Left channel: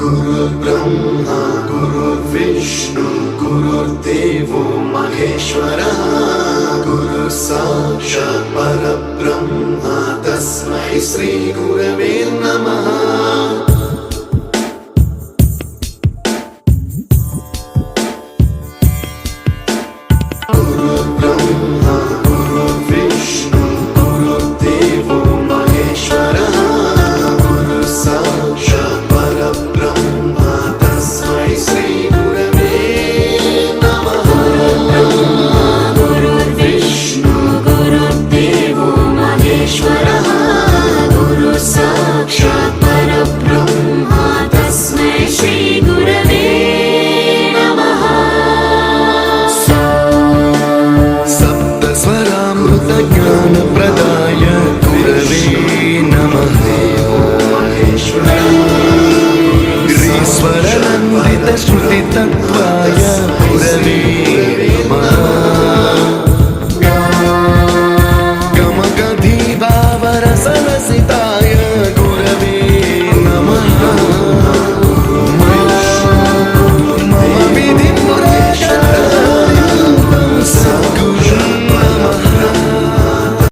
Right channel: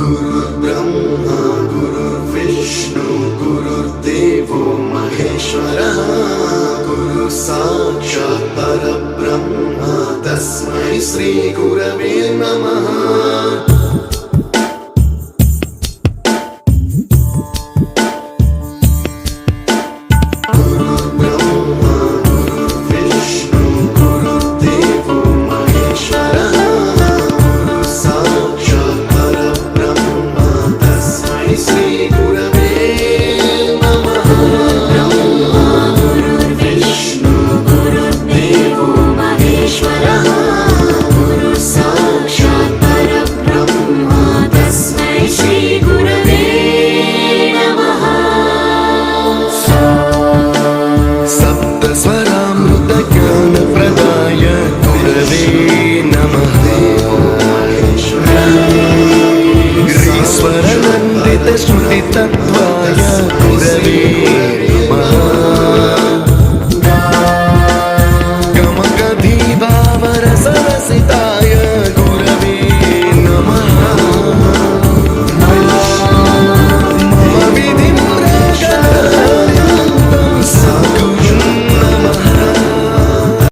गुरुर्ब्रह्मा गुरुर्विष्णु गुरुर्देवो महेश्वरः गुरु साक्षात् परब्रह्म तस्मै श्री गुरवे नमः। ज्ञानप्रदाय गुरवे नमः। ईश्वरनन्दितश्रुतितत्त्वाय गुरवे